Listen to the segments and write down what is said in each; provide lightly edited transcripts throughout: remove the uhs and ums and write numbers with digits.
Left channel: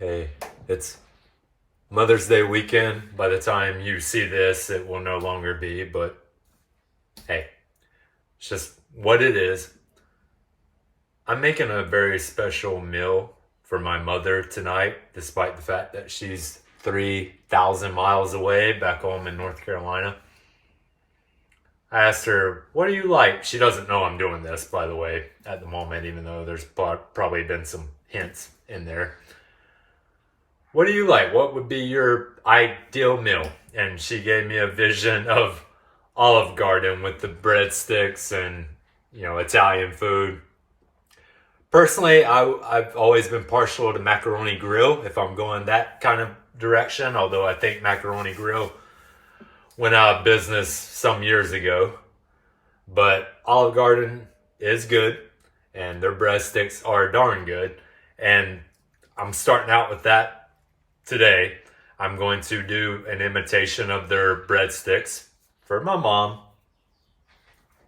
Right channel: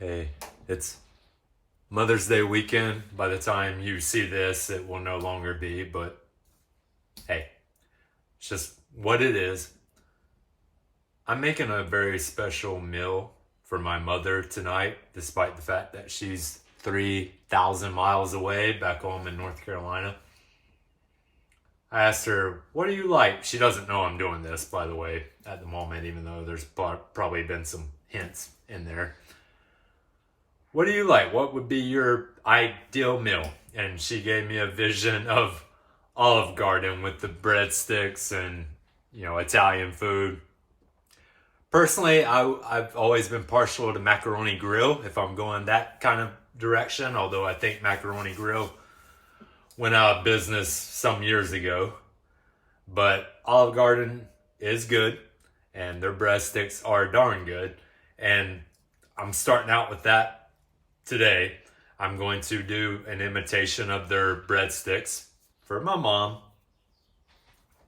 Hey, it's Mother's Day weekend. By the time you see this, it will no longer be, but hey, it's just what it is. I'm making a very special meal for my mother tonight, despite the fact that she's 3,000 miles away back home in North Carolina. I asked her, what do you like? She doesn't know I'm doing this, by the way, at the moment, even though there's probably been some hints in there. What do you like? What would be your ideal meal? And she gave me a vision of Olive Garden with the breadsticks and, Italian food. Personally, I've always been partial to macaroni grill if I'm going that kind of direction, although I think macaroni grill went out of business some years ago. But Olive Garden is good, and their breadsticks are darn good. And I'm starting out with that today. I'm going to do an imitation of their breadsticks for my mom.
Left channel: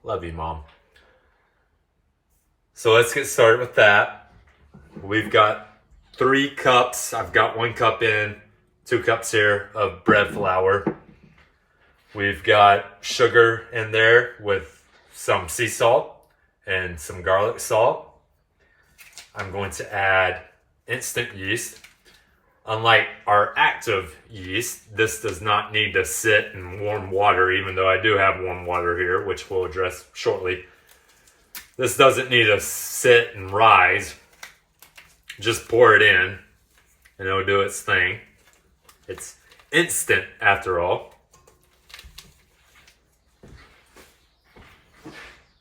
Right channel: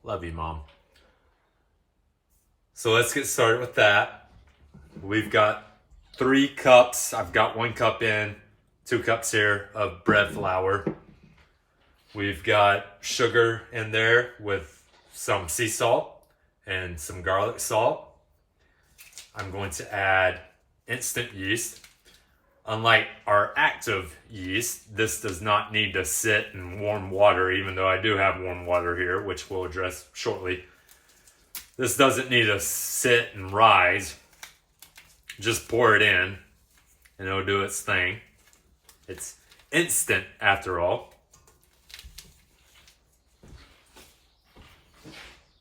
Love you, Mom. So let's get started with that. We've got 3 cups. I've got 1 cup in, 2 cups here of bread flour. We've got sugar in there with some sea salt and some garlic salt. I'm going to add instant yeast. Unlike our active yeast, this does not need to sit in warm water, even though I do have warm water here, which we'll address shortly. This doesn't need to sit and rise. Just pour it in, and it'll do its thing. It's instant, after all.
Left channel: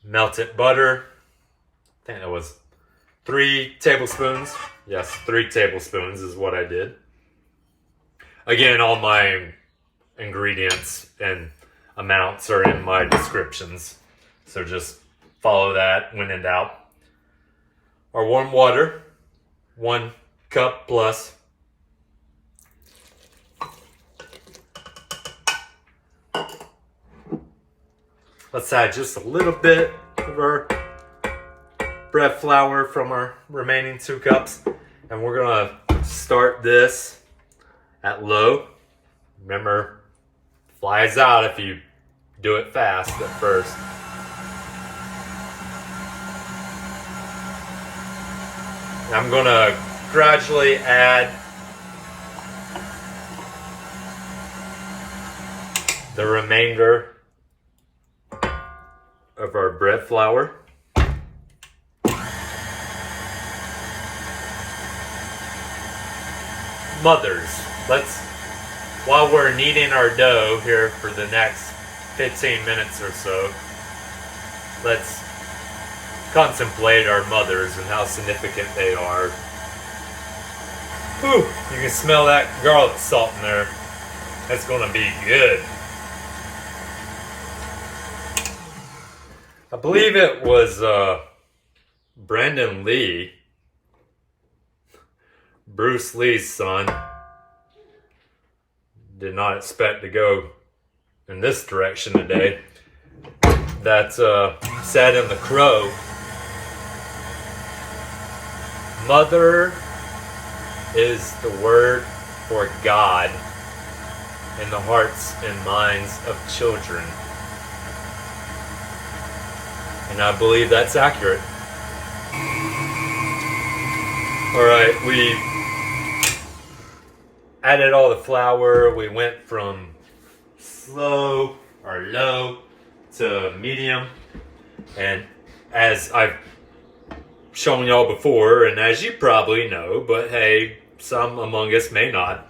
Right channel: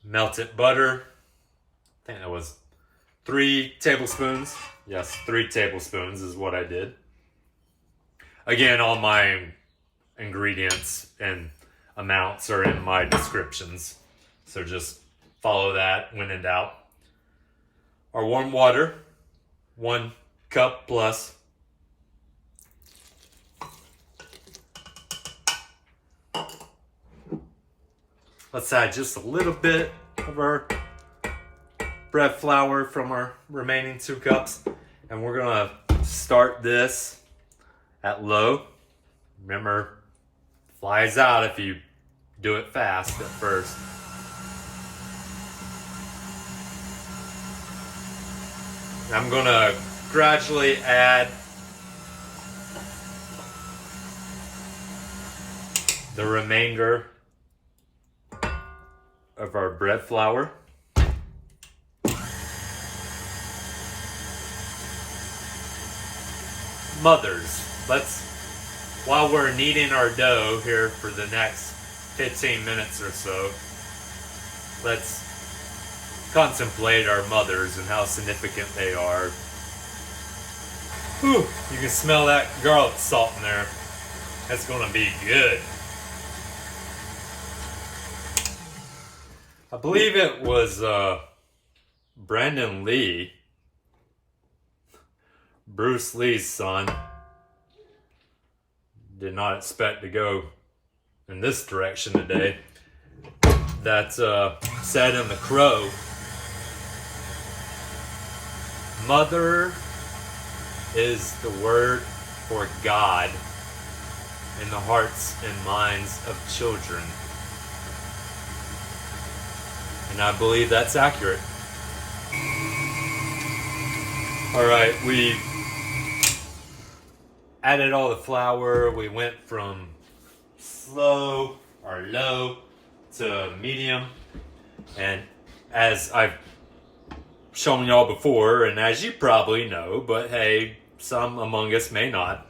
Melted butter. I think that was 3 tablespoons. Yes, 3 tablespoons is what I did. Again, all my ingredients and amounts are in my descriptions. So just follow that when in doubt. Our warm water, 1 cup plus. Let's add just a little bit of our bread flour from our remaining 2 cups. And we're gonna start this at low. Remember, flies out if you do it fast at first. I'm gonna gradually add the remainder of our bread flour. Mothers, while we're kneading our dough here for the next 15 minutes or so, let's contemplate our mothers and how significant they are. Whew, you can smell that garlic salt in there. It's gonna be good. I believe it was Brandon Lee, Bruce Lee's son. Did not expect to go in this direction today. That said in The Crow, mother is the word for God in the hearts and minds of children. And I believe that's accurate. All right, we added all the flour. We went from slow or low to medium. And as I've shown y'all before, and as you probably know, but hey, some among us may not,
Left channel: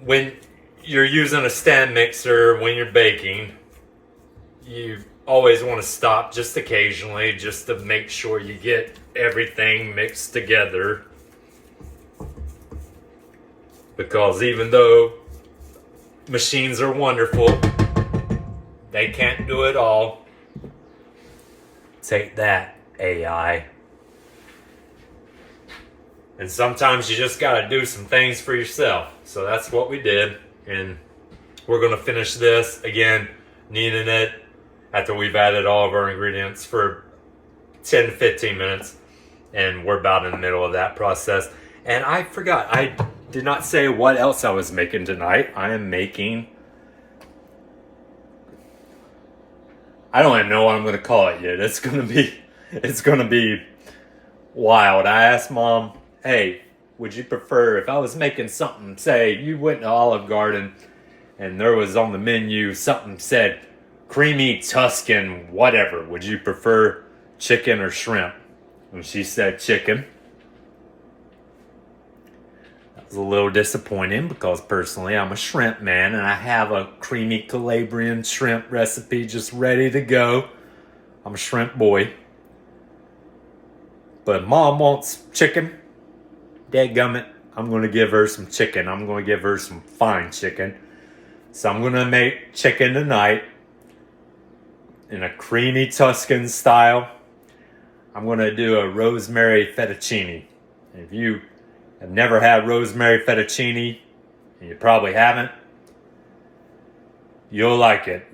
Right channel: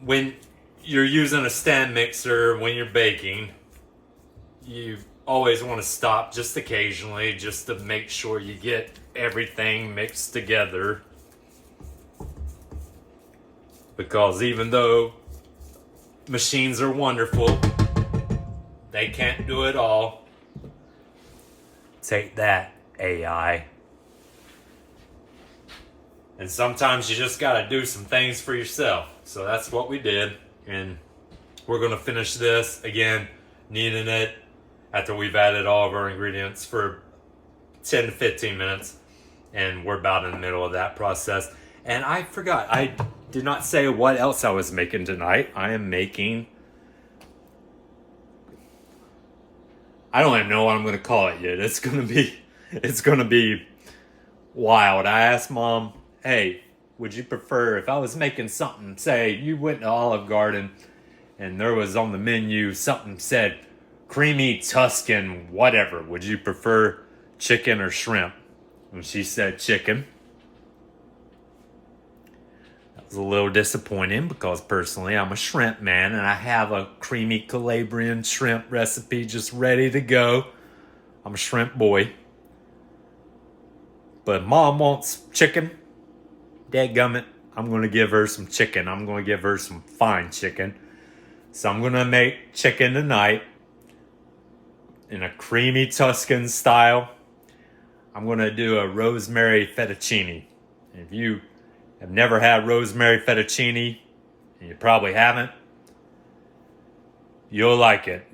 when you're using a stand mixer, when you're baking, you always want to stop just occasionally just to make sure you get everything mixed together. Because even though machines are wonderful, they can't do it all. Take that, AI. And sometimes you just gotta do some things for yourself. So that's what we did. And we're gonna finish this, again, kneading it after we've added all of our ingredients for 10 to 15 minutes. And we're about in the middle of that process. And I forgot, I did not say what else I was making tonight. I am making, I don't even know what I'm going to call it yet. It's going to be wild. I asked Mom, hey, would you prefer if I was making something, say you went to Olive Garden and there was on the menu something said creamy Tuscan whatever, would you prefer chicken or shrimp? And she said chicken. That was a little disappointing because personally I'm a shrimp man and I have a creamy Calabrian shrimp recipe just ready to go. I'm a shrimp boy. But Mom wants chicken. Dadgummit, I'm going to give her some chicken. I'm going to give her some fine chicken. So I'm going to make chicken tonight in a creamy Tuscan style. I'm going to do a rosemary fettuccine. If you have never had rosemary fettuccine, and you probably haven't, you'll like it.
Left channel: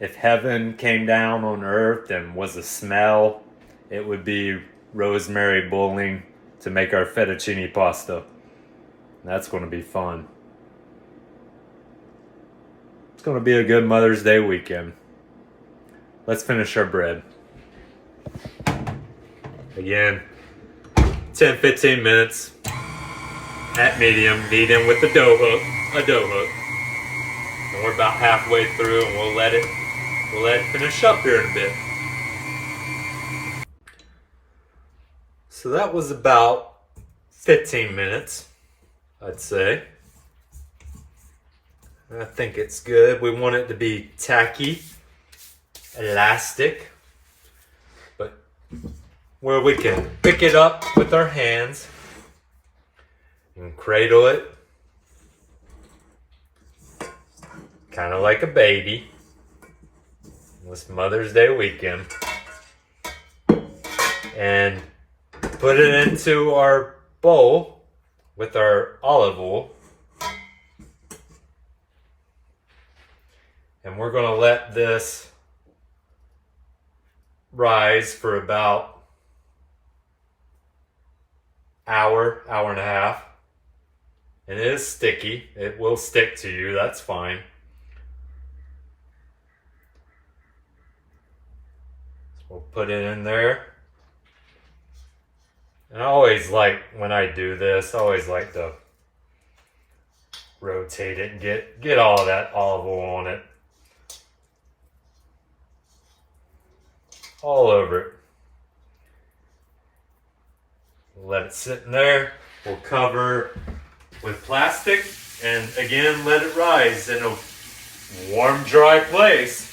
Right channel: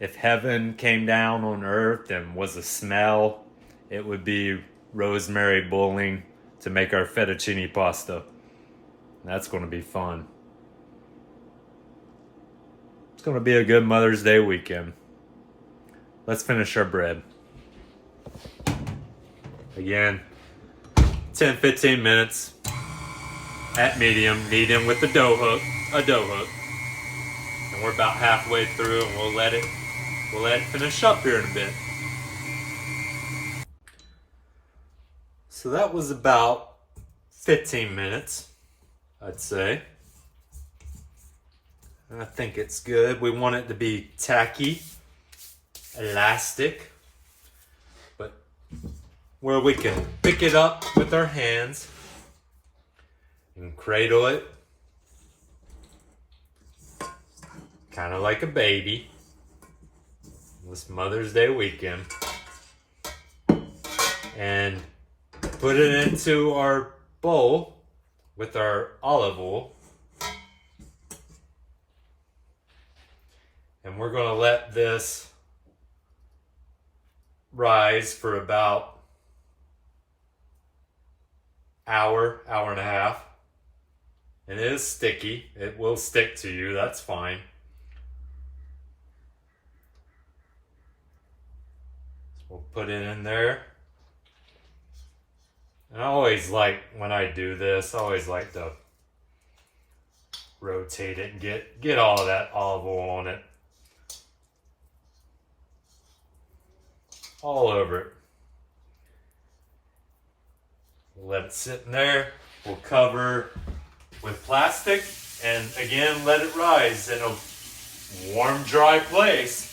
If heaven came down on earth and was a smell, it would be rosemary bulling to make our fettuccine pasta. That's going to be fun. It's going to be a good Mother's Day weekend. Let's finish our bread. Again, 10-15 minutes at medium with the dough hook, and we're about halfway through, and we'll let it finish up here in a bit. So that was about 15 minutes, I'd say. I think it's good. We want it to be tacky, elastic, but where we can pick it up with our hands and cradle it, kind of like a baby, this Mother's Day weekend, and put it into our bowl with our olive oil. And we're going to let this rise for about hour and a half. And it is sticky. It will stick to you. That's fine. So we'll put it in there. And I always like, when I do this, I always like to rotate it and get all of that olive oil on it. All over it. We'll let it sit in there. We'll cover with plastic and again let it rise in a warm, dry place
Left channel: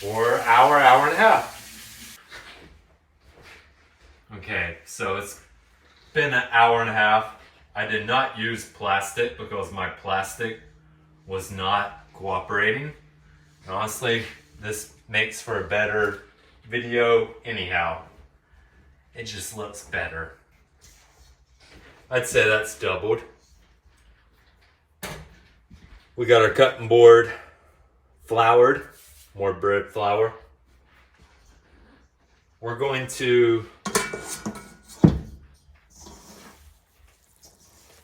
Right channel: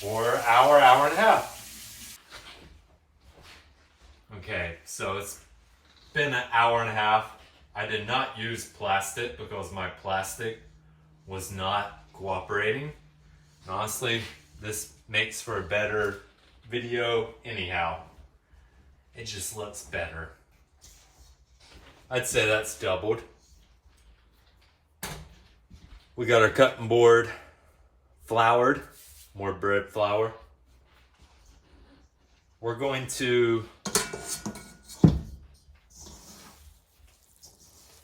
for an hour and a half. Okay, so it's been an hour and a half. I did not use plastic because my plastic was not cooperating. And honestly, this makes for a better video anyhow. It just looks better. I'd say that's doubled. We got our cutting board floured, more bread flour. We're going to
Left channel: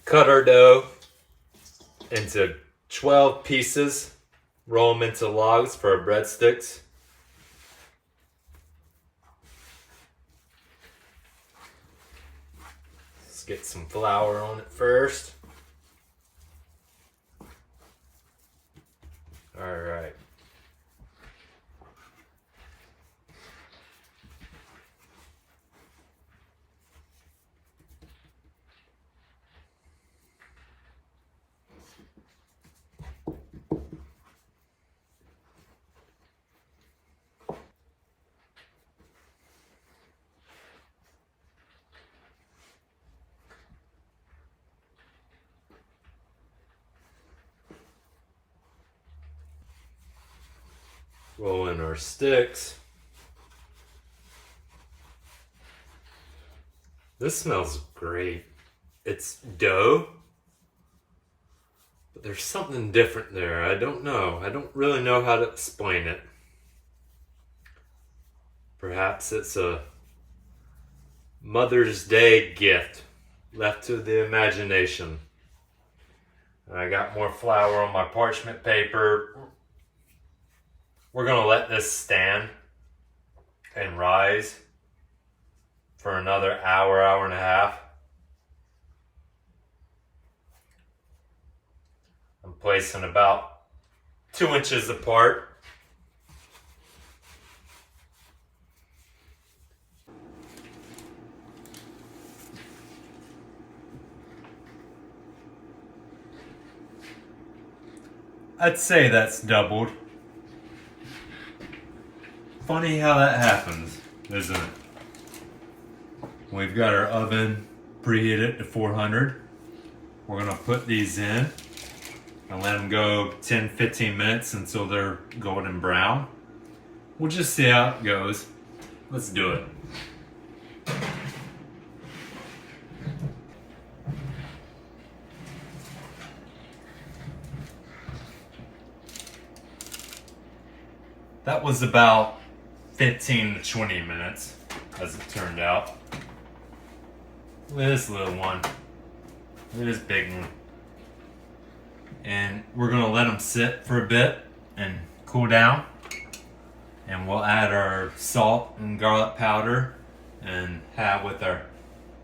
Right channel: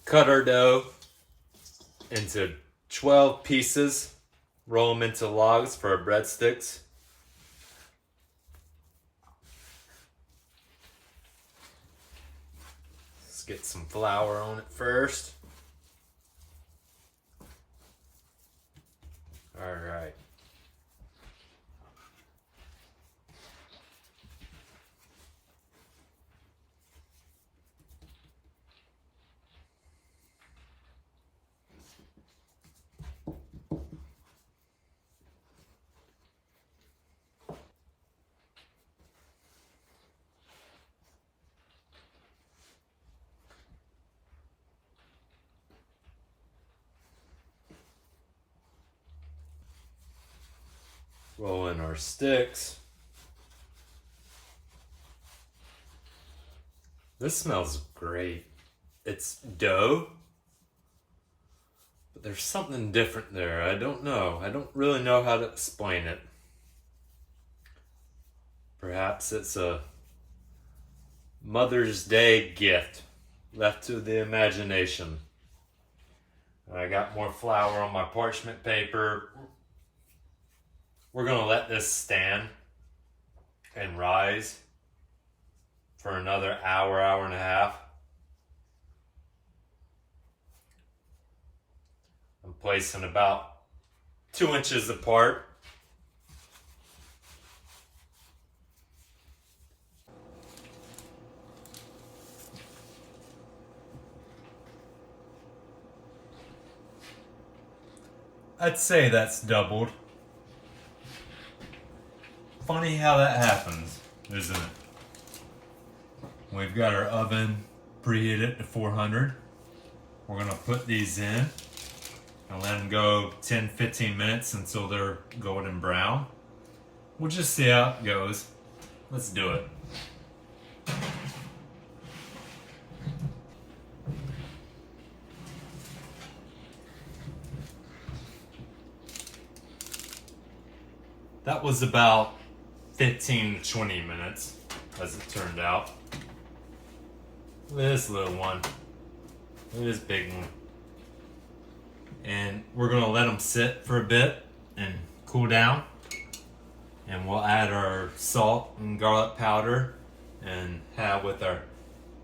cut our dough into 12 pieces, roll them into logs for our breadsticks. Let's get some flour on it first. All right. Roll in our sticks. This smells great. It's dough, but there's something different there. I don't know. I don't really know how to explain it. Perhaps it's a Mother's Day gift left to the imagination. And I got more flour on my parchment paper. We're gonna let this stand and rise for another hour, hour and a half. I'm placing about 2 inches apart. I'd say that's doubled. Funny how that happens, isn't it? We've got our oven preheated to 400. We're gonna put these in and let them go 10-15 minutes until they're golden brown. We'll just see how it goes. Let's do it. That was about 15 to 20 minutes, as it turned out. Look at this little one. Look at this big one. And we're gonna let them sit for a bit and cool down. And we'll add our salt and garlic powder and have with our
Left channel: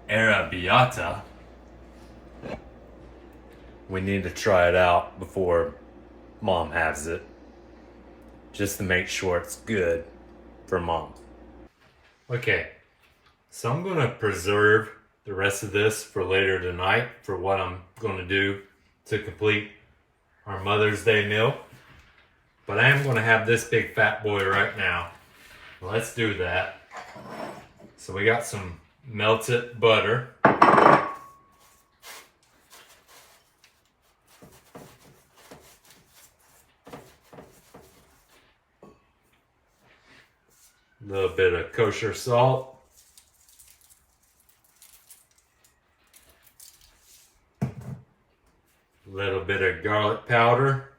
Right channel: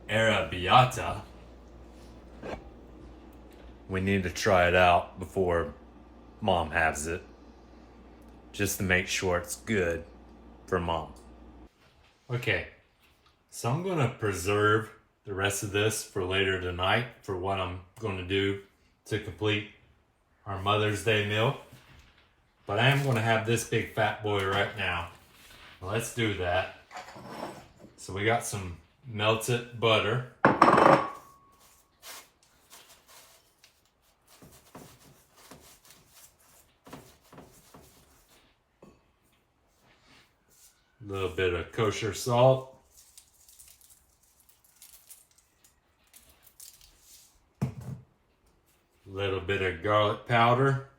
arrabbiata. We need to try it out before Mom has it, just to make sure it's good for Mom. Okay, so I'm gonna preserve the rest of this for later tonight for what I'm gonna do to complete our Mother's Day meal. But I am gonna have this big fat boy right now. Let's do that. So we got some melted butter. A little bit of kosher salt. A little bit of garlic powder.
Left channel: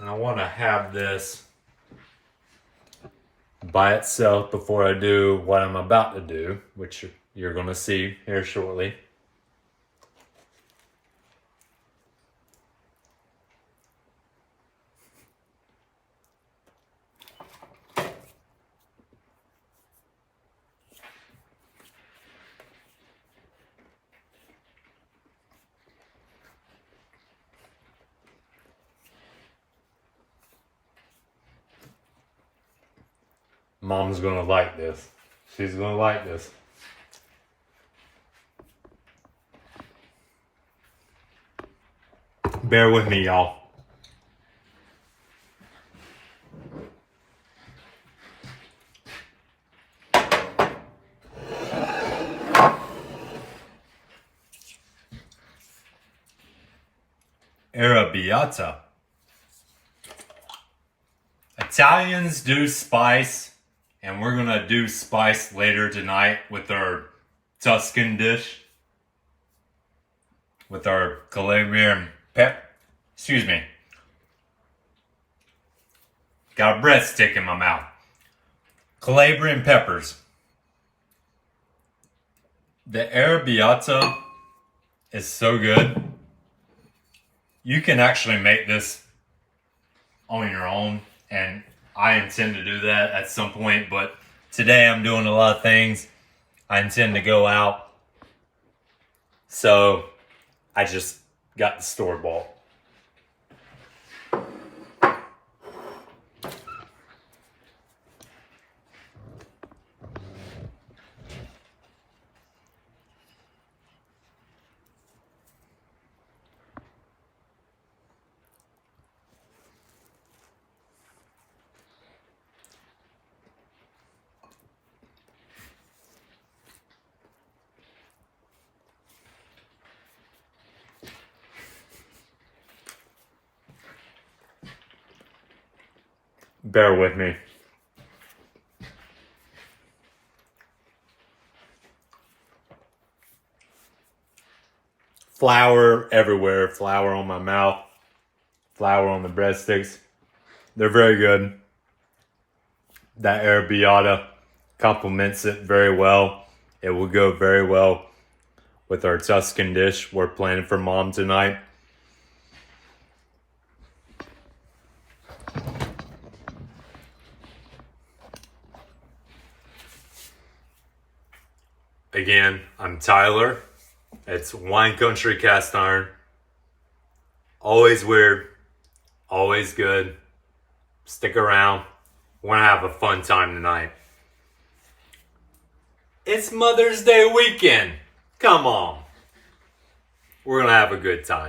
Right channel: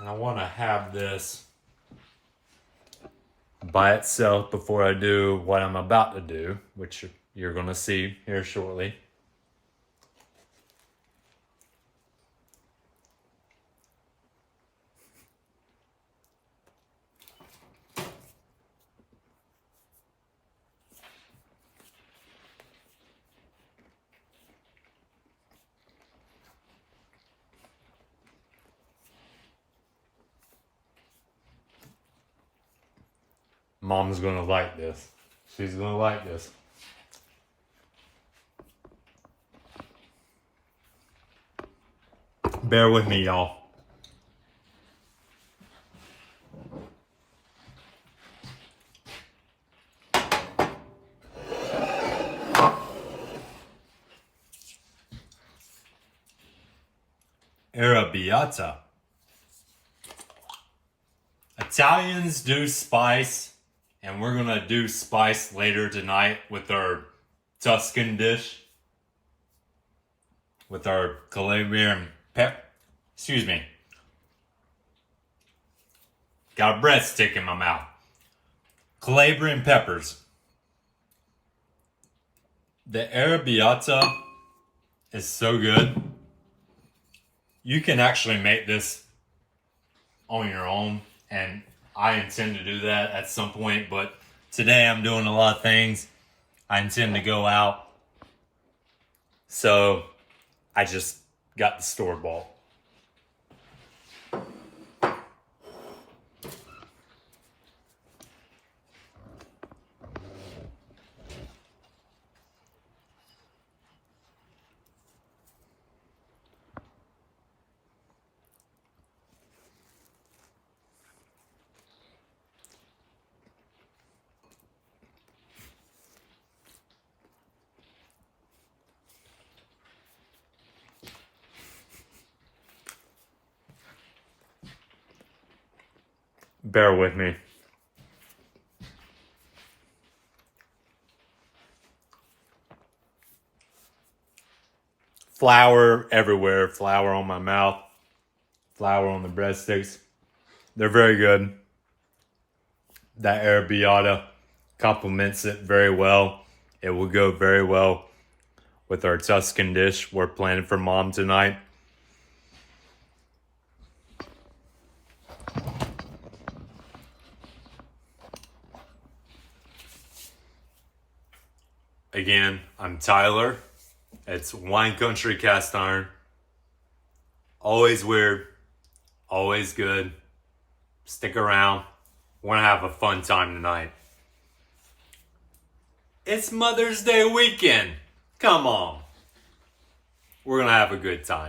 And I want to have this by itself before I do what I'm about to do, which you're going to see here shortly. Mom's gonna like this. She's gonna like this. Bear with me, y'all. Arrabbiata. Italians do spice. And we're gonna do spice later tonight with our Tuscan dish. With our Calabrian excuse me. Got a breadstick in my mouth. Calabrian peppers. The arrabbiata is so good. You can actually make this on your own, and I intend to do that at some point, but today I'm doing a lot of things. I intend to go out, so I just got the store-bought. Bear with me. Flour everywhere, flour on my mouth, flour on the breadsticks. They're very good. That arrabbiata complements it very well. It will go very well with our Tuscan dish we're planning for Mom tonight. Again, I'm Tyler. It's Wine Country Cast Iron. Always weird, always good. Stick around. We're gonna have a fun time tonight. It's Mother's Day weekend. Come on. We're gonna have a good time.